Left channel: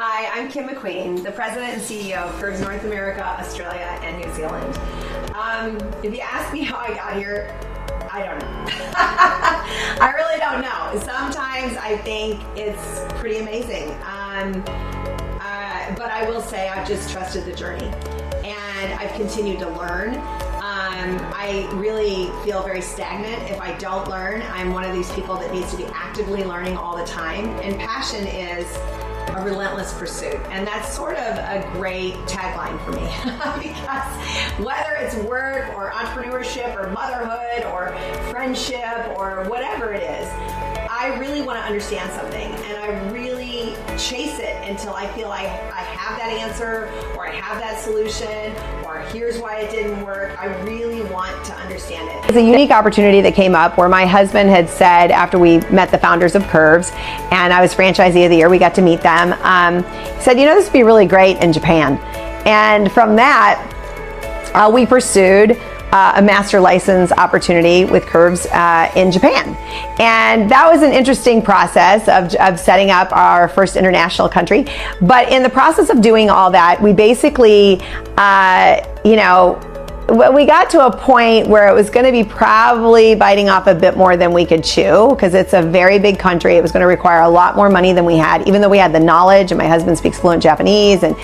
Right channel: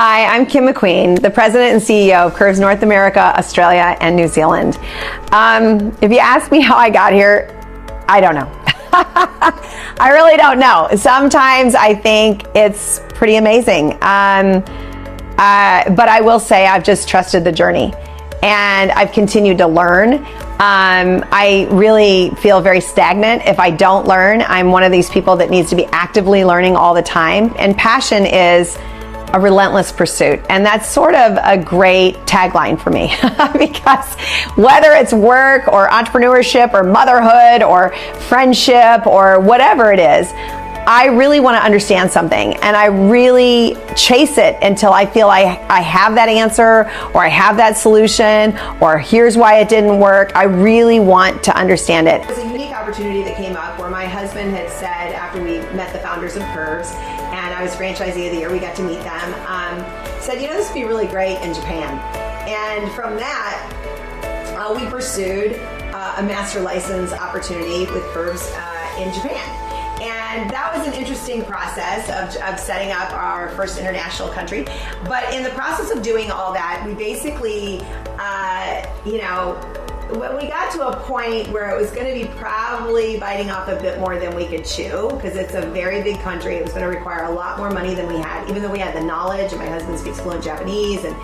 Hi, I'm Kim McQueen, the President and CEO of Curves North America, Australia, and New Zealand. If you ask me how I got here, I don't know. I really don't know. Sometimes I think it's pretty amazing. But I will say I've just trusted the journey and I've continued to learn. I really feel very stagnant if I don't learn. I'm one of these people that needs to be actively learning all the time, and passion is a relentless pursuit. And that's sort of a great tagline for me because whether it's work or entrepreneurship or motherhood or friendship or whatever it is, I really want to understand something and I really chase it until I feel I have that answer or I have that solution or here's why it didn't work. I really want to understand it. It's a unique opportunity that came up where my husband had said, after we met the founders of Curves and I was franchisee of the year, we got to meet them, said, you know, this would be really great in Japan. And from that, we pursued a master license opportunity with Curves in Japan. And that was an interesting process of setting up our first international country. But in the process of doing all that, we basically, we got to a point where it was going to be probably biting off a bit more than we could chew, because it's a very big country. It was going to require a lot more money than we had, even though we had the knowledge, and my husband speaks fluent Japanese and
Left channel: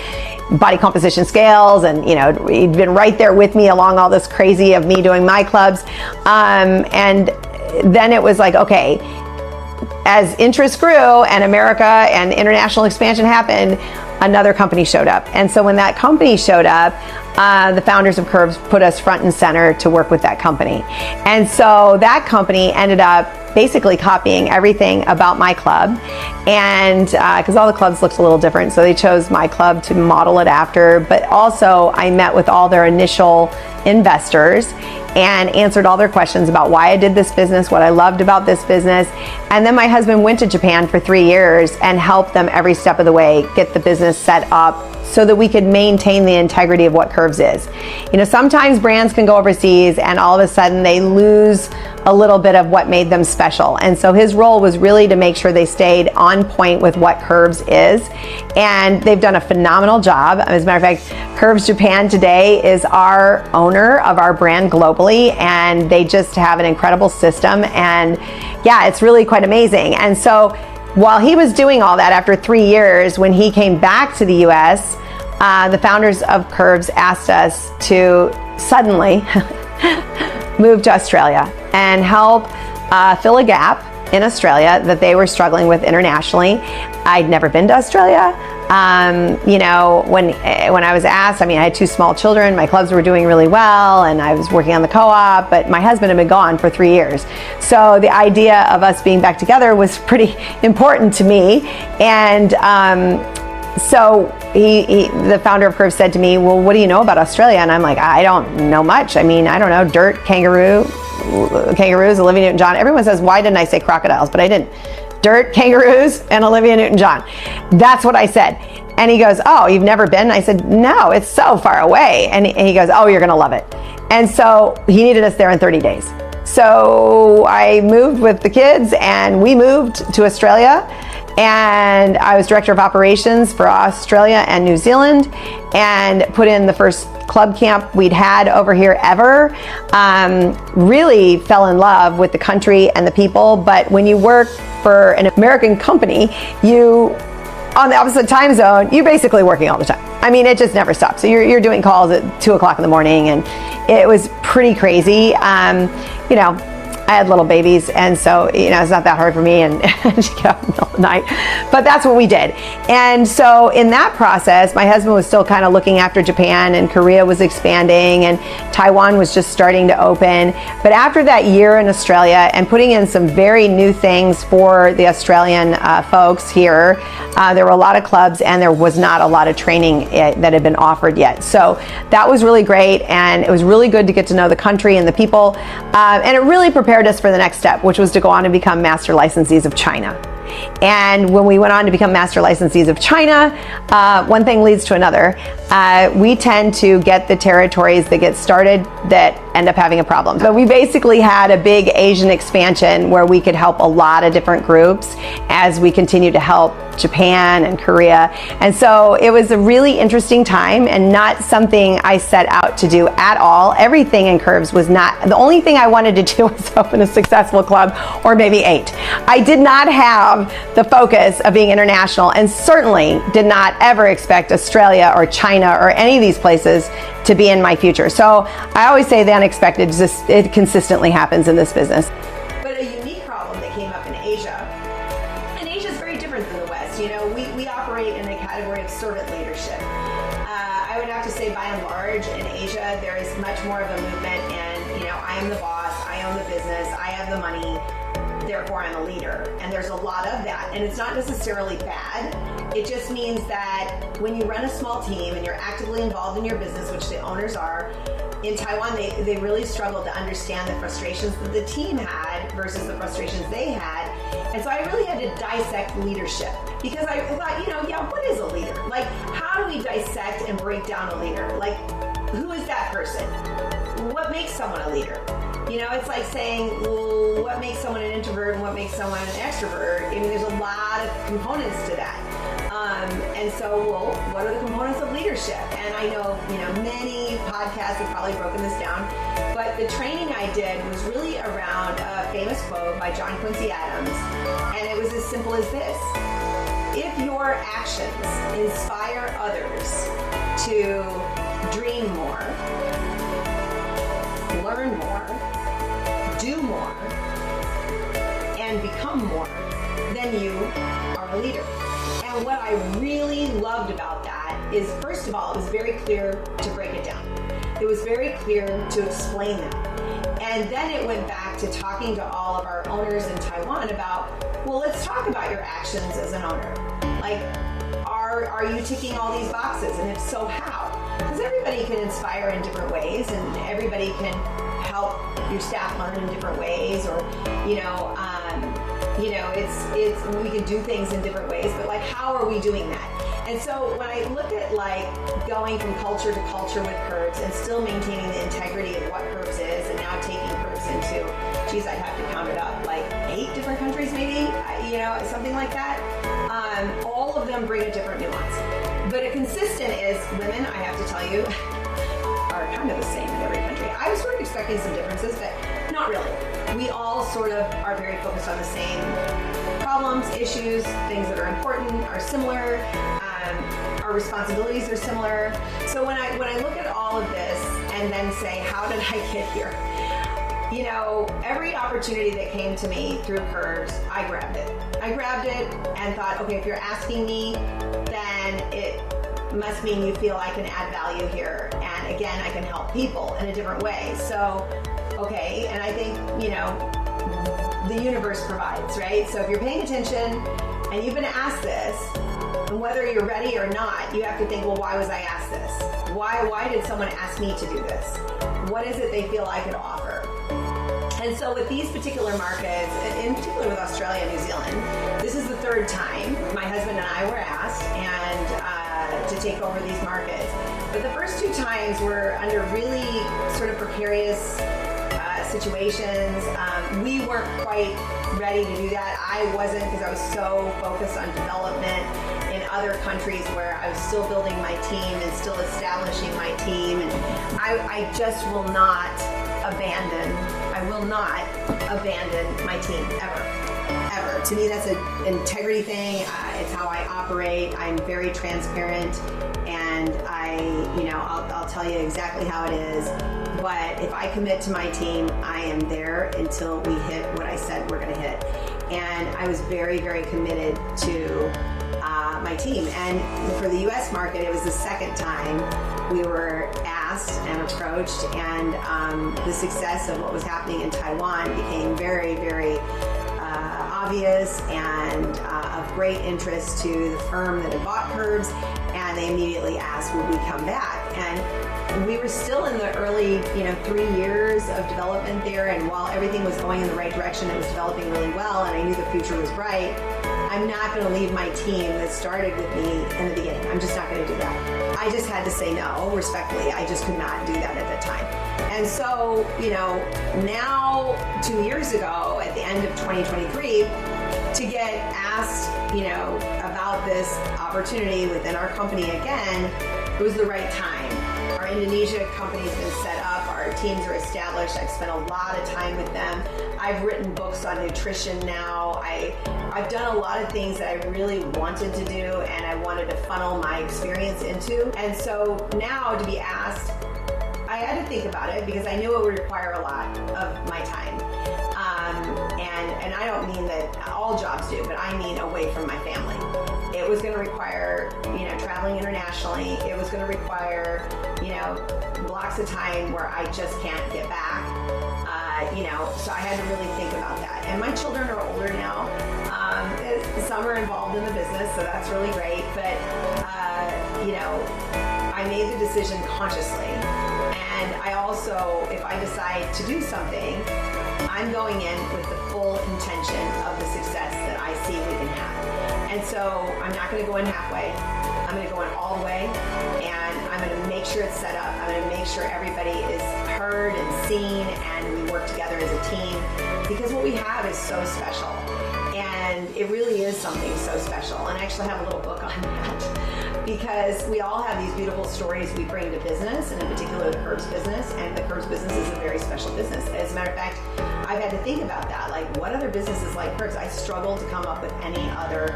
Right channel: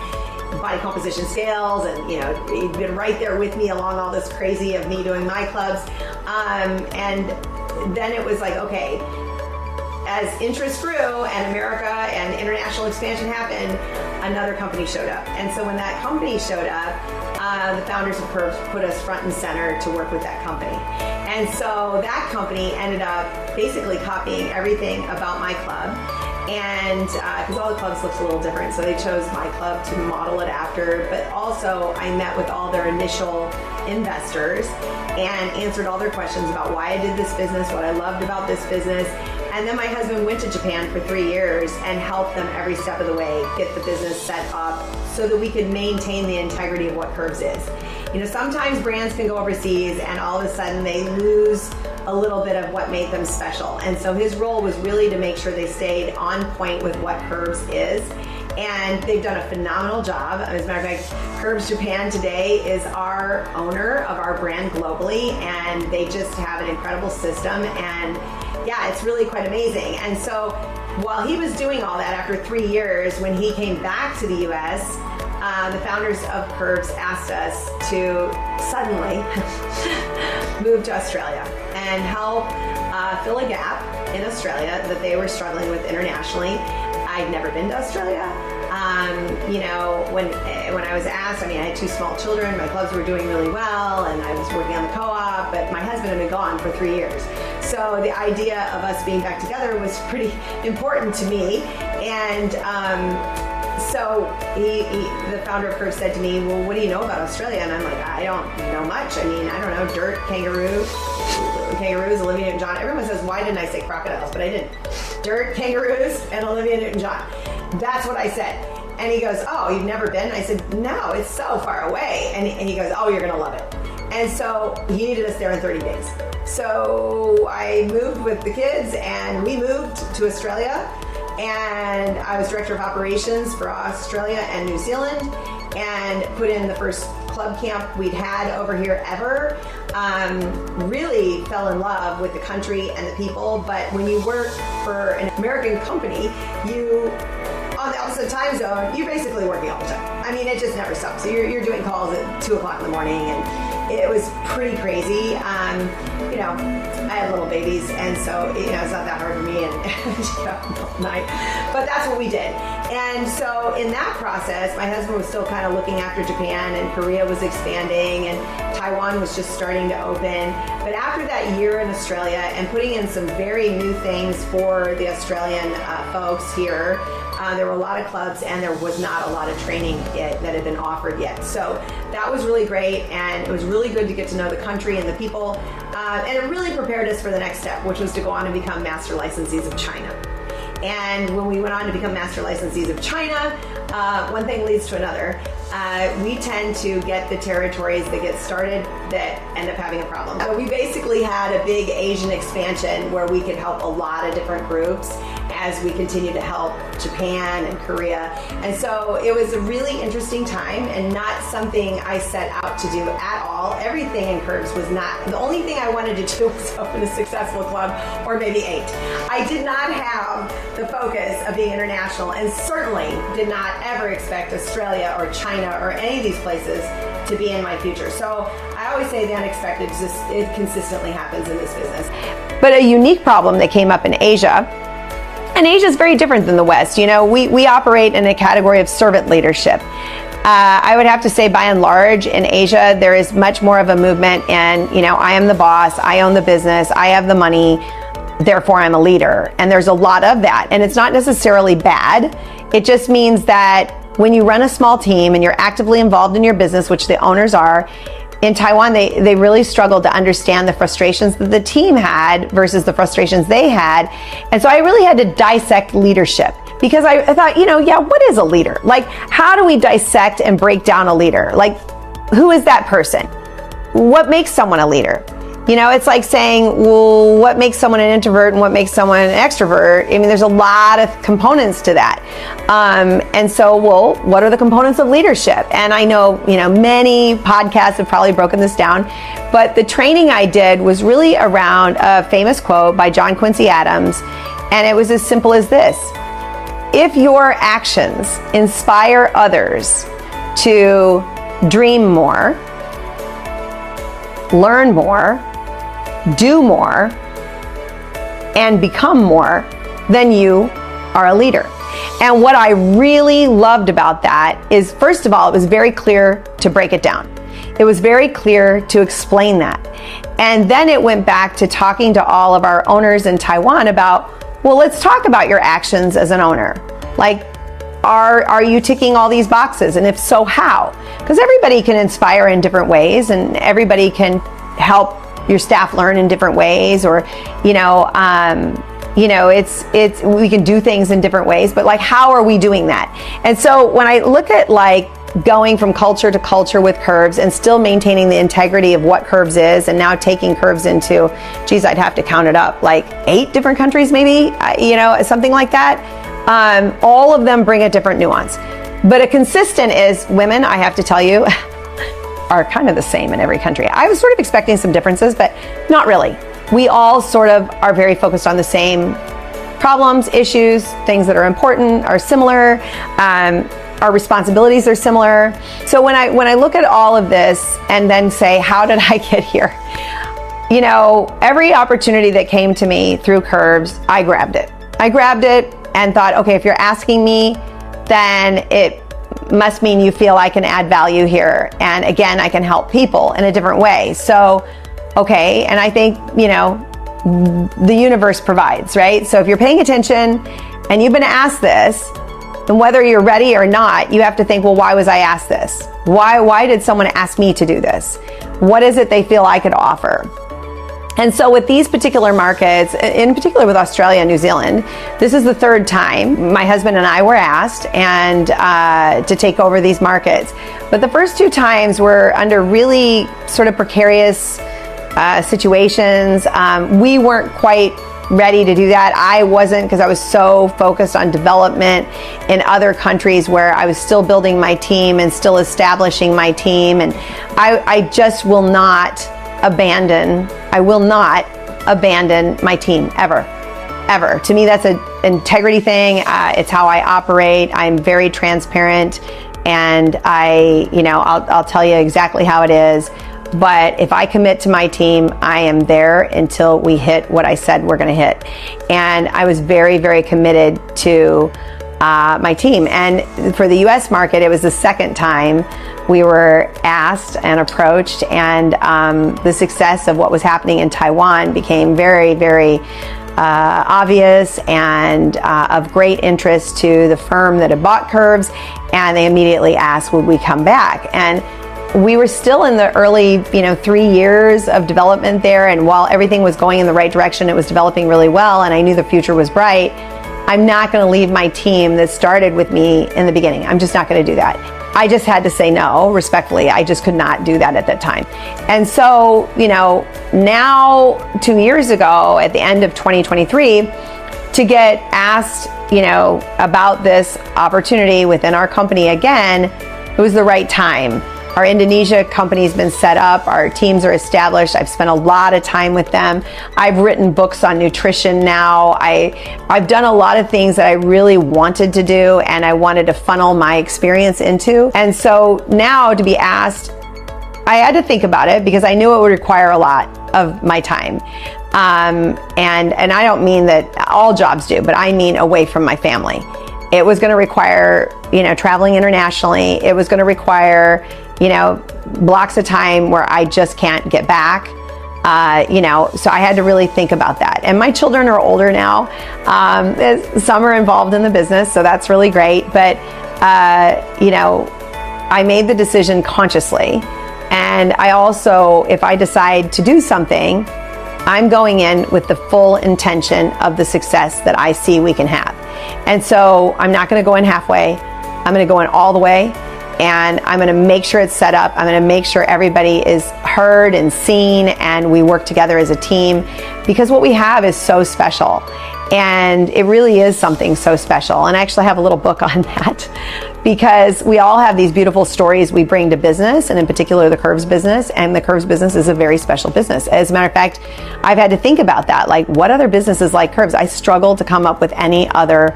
body composition scales, and he'd been right there with me along all this crazy of me doing my clubs. And then it was like, okay, as interest grew and America and international expansion happened, another company showed up. And so when that company showed up, the founders of Curves put us front and center to work with that company. And so that company ended up basically copying everything about my club, and because all the clubs looked a little different, so they chose my club to model it after. But also I met with all their initial investors and answered all their questions about why I did this business, what I loved about this business. And then my husband went to Japan for 3 years and helped them every step of the way get the business set up so that we could maintain the integrity of what Curves is. Sometimes brands can go overseas and all of a sudden they lose a little bit of what made them special. And so his role was really to make sure they stayed on point with what Curves is. And they've done a phenomenal job. As a matter of fact, Curves Japan today is our owner of our brand globally, and they just have an incredible system. And yeah, it's really quite amazing. And so while he was doing all that, after 3 years, when he came back to the US, the founders of Curves asked us to suddenly move to Australia and help fill a gap in Australia that they were struggling with internationally. I'd never been to Australia. When I was asked, I had 2 small children, my clubs were doing really well, and I was working on the co-op, but my husband had been gone for 3 years. So the idea of us being back together was pretty important to me. And so the founder of Curves said to me, well, what do you know about Australia? And I'm like, I don't know much. I don't know, dirt, kangaroos, Olivia Newton-John. Everyone says, why didn't I say crocodiles? But I didn't. Dirt, kangaroos, and Olivia Newton-John. That's what I said. And he goes, oh, you've never been? I said, no, it's so far away. And he goes, oh, you're gonna love it. And so he needed us there in 30 days. So I moved with the kids and we moved to Australia. And I was director of operations for Australia and New Zealand, and put in the first club camp we'd had over here ever. Really fell in love with the country and the people. But when you work for an American company, on the opposite time zone, you're basically working all the time. It just never stops. So you're doing calls at 2 o'clock in the morning, and it was pretty crazy. I had little babies, and so it's not that hard for me and to get up in the middle of the night, but that's what we did. And so in that process, my husband was still kind of looking after Japan, and Korea was expanding, and Taiwan was just starting to open. But after that year in Australia and putting in some very new things for the Australian folks here, there were a lot of clubs and there was not a lot of training that had been offered yet. So that was really great, and it was really good to get to know the country and the people, and it really prepared us for the next step, which was to go on and become master licensees of China. And when we went on to become master licensees of China, one thing leads to another. we tend to get the territories that get started that end up having a problem. But we basically had a big Asian expansion where we could help a lot of different groups as we continue to help Japan and Korea. And so it was a really interesting time and not something I set out to do at all. Everything in Curves was not, the only thing I wanted to do was open a successful club, or maybe 8. I did not have the focus of being international, and certainly did not ever expect Australia or China or any of these places to be in my future. So I always say the unexpected just, it consistently happens in this business. But a unique problem that came up in Asia, and Asia is very different than the West. You know, we operate in a category of servant leadership. I would have to say, by and large, in Asia, there is much more of a movement in, you know, I am the boss, I own the business, I have the money, therefore I'm a leader. And there's a lot of that. And it's not necessarily bad. It just means that when you run a small team and you're actively involved in your business, which the owners are, in Taiwan, they really struggled to understand the frustrations that the team had versus the frustrations they had. And so I really had to dissect leadership, because I thought, you know, yeah, what is a leader? Like, how do we dissect and break down a leader? Like, who is that person? What makes someone a leader? You know, it's like saying, well, what makes someone an introvert and what makes someone an extrovert? I mean, there's a lot of components to that. And so, well, what are the components of leadership? And I know, you know, many podcasts have probably broken this down, but the training I did was really around a famous quote by John Quincy Adams. And it was as simple as this: if your actions inspire others to dream more, learn more, do more, and become more, then you are a leader. And what I really loved about that is, first of all, it was very clear to break it down. It was very clear to explain that. And then it went back to talking to all of our owners in Taiwan about, well, let's talk about your actions as an owner. Like, are you ticking all these boxes? And if so, how? Because everybody can inspire in different ways, and everybody can help your staff learn in different ways, or, you know, it's we can do things in different ways, but like, how are we doing that? And so when I look at like going from culture to culture with Curves and still maintaining the integrity of what Curves is, and now taking Curves into, geez, I'd have to count it up, like 8 different countries maybe, you know, something like that. All of them bring a different nuance. But a consistent is women, I have to tell you, are kind of the same in every country. I was sort of expecting some differences, but not really. We all sort of are very focused on the same problems, issues, things that are important are similar. Our responsibilities are similar. So when I look at all of this and then say, how did I get here? You know, every opportunity that came to me through Curves, I grabbed it. I grabbed it and thought, okay, if you're asking me, then it must mean you feel I can add value here. And again, I can help people in a different way. So, okay, and I think, you know, the universe provides, right? So if you're paying attention and you've been asked this, then whether you're ready or not, you have to think, well, why was I asked this? Why did someone ask me to do this? What is it they feel I could offer? And so with these particular markets, in particular with Australia and New Zealand, this is the 3rd time my husband and I were asked and to take over these markets. But the first 2 times were under really sort of precarious situations. We weren't quite ready to do that. I wasn't, because I was so focused on development in other countries where I was still building my team and still establishing my team. And I just will not abandon my team ever. To me, that's an integrity thing. It's how I operate. I'm very transparent, and I'll tell you exactly how it is. But if I commit to my team, I am there until we hit what I said we're going to hit. And I was very, very committed to my team. And for the U.S. market, it was the 2nd time we were asked and approached, and the success of what was happening in Taiwan became very, very obvious and of great interest to the firm that had bought Curves, and they immediately asked, would we come back? And we were still in the early, 3 years of development there, and while everything was going in the right direction, it was developing really well, and I knew the future was bright. I'm not going to leave my team that started with me in the beginning. I'm just not going to do that. I just had to say no, respectfully. I just could not do that at that time. And so, now 2 years ago, at the end of 2023, to get asked, about this opportunity within our company again, it was the right time. Our Indonesia company's been set up. Our teams are established. I've spent a lot of time with them. I've written books on nutrition now. I've done a lot of things that I really wanted to do and I wanted to funnel my experience into. And so now to be asked, I had to think about it because I knew it would require a lot of my time. And I don't mean that all jobs do, but I mean away from my family. It was going to require, traveling internationally. It was going to require, blocks of time where I just can't get back. So I had to really think about that. And my children are older now. Some are involved in the business, so that's really great. But, I made the decision consciously. And I also, if I decide to do something, I'm going in with the full intention of the success that I see we can have. And so I'm not going to go in halfway. I'm going to go in all the way. And I'm going to make sure it's set up. I'm going to make sure everybody is heard and seen and we work together as a team, because what we have is so special. And it really is something so special. And I actually have a little book on that, because we all have these beautiful stories we bring to business, and in particular the Curves business. And the Curves business is a very special business. As a matter of fact, I've had to think about that. Like, what other businesses like Curves? I struggle to come up with any other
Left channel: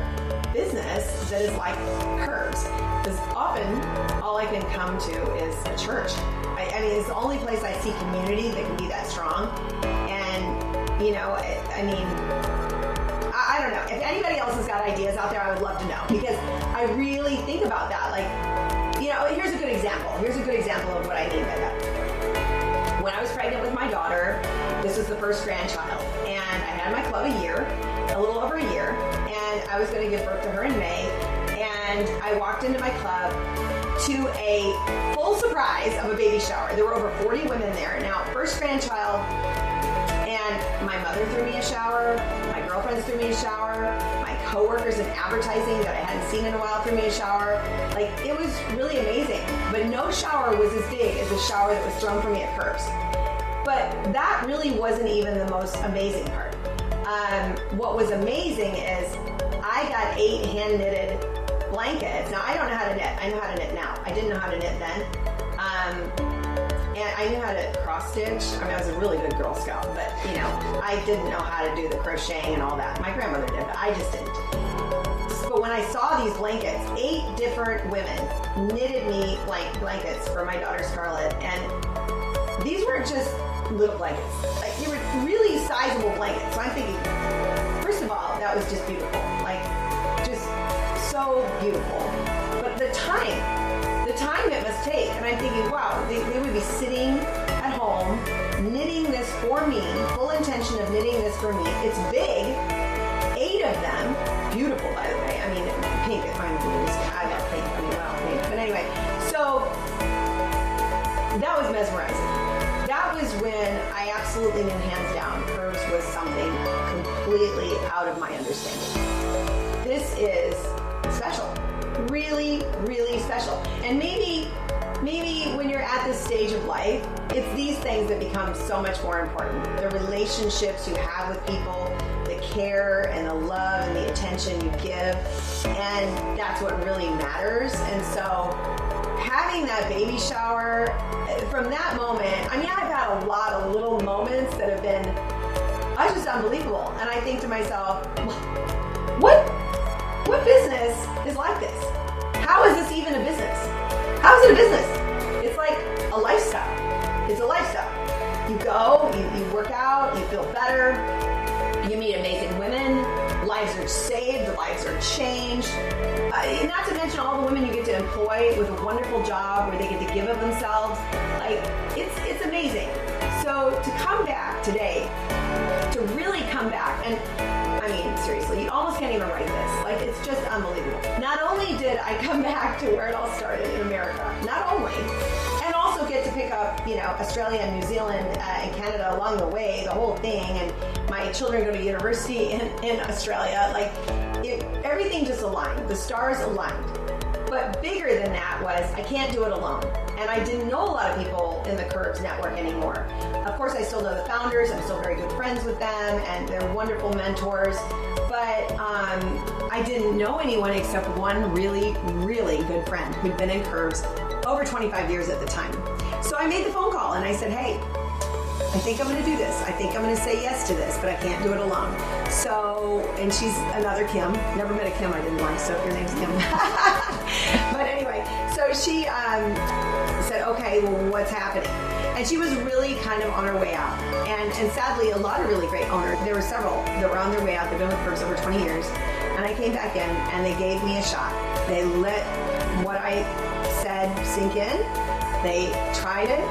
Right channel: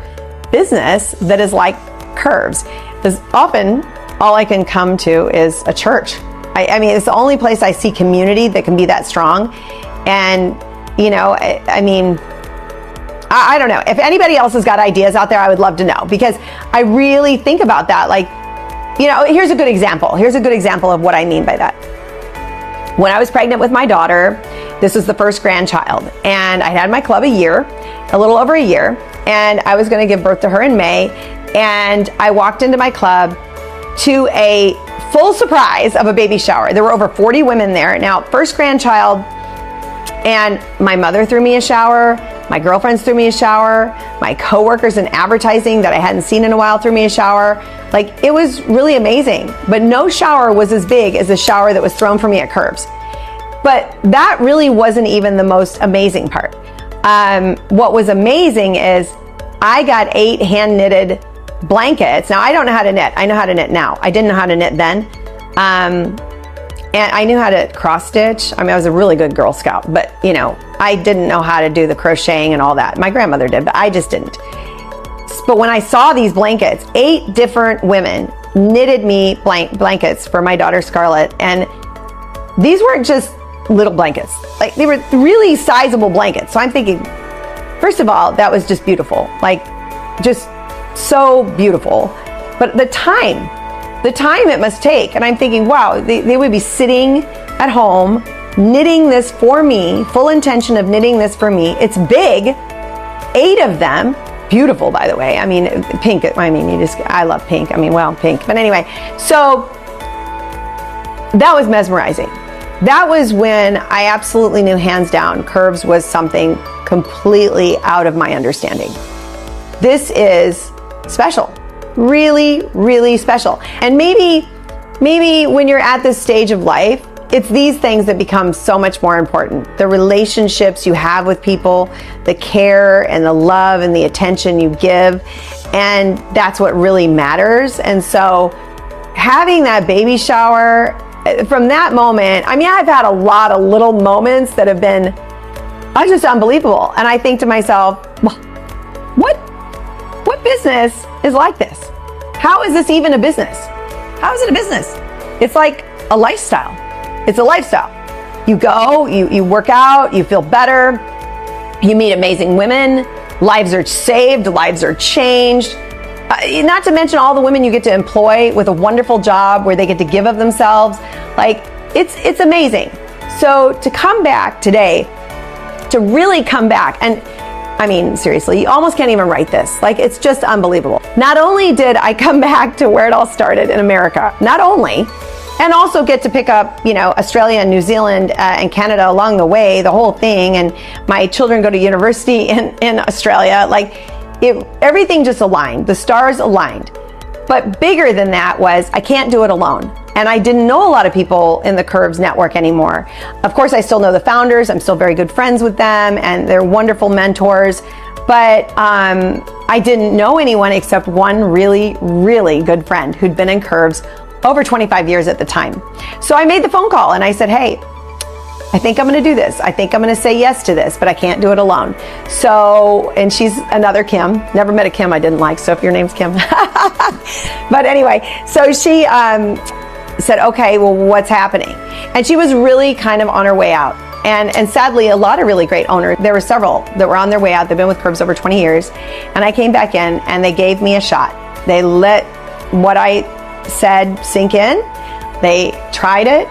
business that is like Curves, because often all I can come to is a church. I mean, it's the only place I see community that can be that strong. And, I don't know. If anybody else has got ideas out there, I would love to know, because I really think about that. Like, here's a good example. Here's a good example of what I mean by that. When I was pregnant with my daughter, this was the first grandchild, and I had my club a little over a year, and I was going to give birth to her in May. And I walked into my club to a full surprise of a baby shower. There were over 40 women there. Now, first grandchild, and my mother threw me a shower, my girlfriends threw me a shower, my coworkers in advertising that I hadn't seen in a while threw me a shower. Like, it was really amazing. But no shower was as big as the shower that was thrown for me at Curves. But that really wasn't even the most amazing part. What was amazing is I got 8 hand-knitted blankets. Now, I don't know how to knit. I know how to knit now. I didn't know how to knit then. And I knew how to cross stitch. I mean, I was a really good Girl Scout, but I didn't know how to do the crocheting and all that. My grandmother did, but I just didn't. But when I saw these blankets, 8 different women knitted me blankets for my daughter Scarlett. And these weren't just little blankets. Like, they were really sizable blankets. So I'm thinking, first of all, that was just beautiful. Like, just so beautiful. But the time it must take. And I'm thinking, wow, they would be sitting at home knitting this for me, full intention of knitting this for me. It's big, 8 of them, beautiful, by the way. I mean, pink, I love pink. I mean, well, pink. But anyway, so that was mesmerizing. That was when I absolutely knew, hands down, Curves was something completely out of my understanding. This is special. Really, really special. And maybe when you're at this stage of life, it's these things that become so much more important. The relationships you have with people, the care and the love and the attention you give, and that's what really matters. And so having that baby shower, from that moment, I mean, I've had a lot of little moments that have been just unbelievable. And I think to myself, well, what business is like this? How is this even a business? How is it a business? It's like a lifestyle. It's a lifestyle. You go, you work out, you feel better, you meet amazing women, lives are saved, lives are changed. Not to mention all the women you get to employ with a wonderful job where they get to give of themselves. Like, it's amazing. So to come back today, to really come back, and I mean, seriously, you almost can't even write this. Like, it's just unbelievable. Not only did I come back to where it all started in America, and also get to pick up, Australia and New Zealand and Canada along the way, the whole thing, and my children go to university in Australia. Like, everything just aligned. The stars aligned. But bigger than that was, I can't do it alone. And I didn't know a lot of people in the Curves network anymore. Of course, I still know the founders. I'm still very good friends with them, and they're wonderful mentors. But I didn't know anyone except one really, really good friend who'd been in Curves over 25 years at the time. So I made the phone call and I said, hey, I think I'm gonna do this. I think I'm gonna say yes to this, but I can't do it alone. So, and she's another Kim. Never met a Kim I didn't like, so if your name's Kim. But anyway, so she said, okay, well, what's happening? And she was really kind of on her way out. And sadly, a lot of really great owners, there were several that were on their way out. They've been with Curves over 20 years. And I came back in and they gave me a shot. They let what I said sink in. They tried it.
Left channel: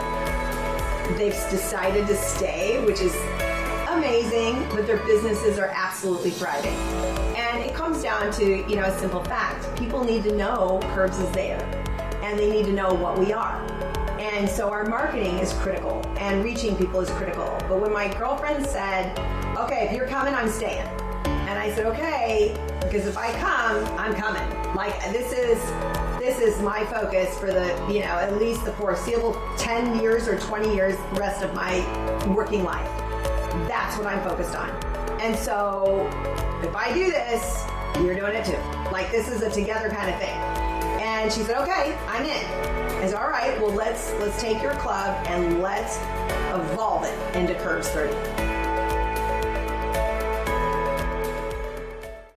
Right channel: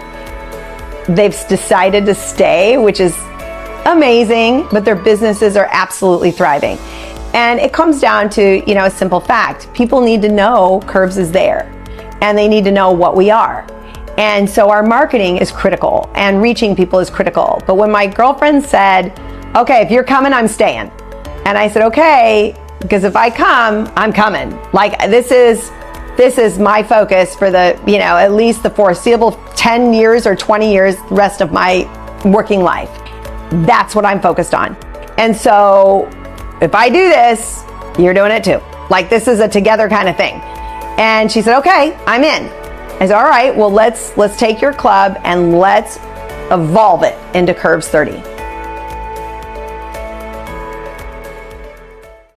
They've decided to stay, which is amazing, but their businesses are absolutely thriving. And it comes down to, you know, a simple fact. People need to know Curves is there, and they need to know what we are. And so our marketing is critical, and reaching people is critical. But when my girlfriend said, okay, if you're coming, I'm staying. And I said, okay, because if I come, I'm coming. Like, this is my focus for the, you know, at least the foreseeable 10 years or 20 years, rest of my working life. That's what I'm focused on. And so if I do this, you're doing it too. Like, this is a together kind of thing. And she said, okay, I'm in. I said, all right, well, let's take your club and let's evolve it into Curves 30.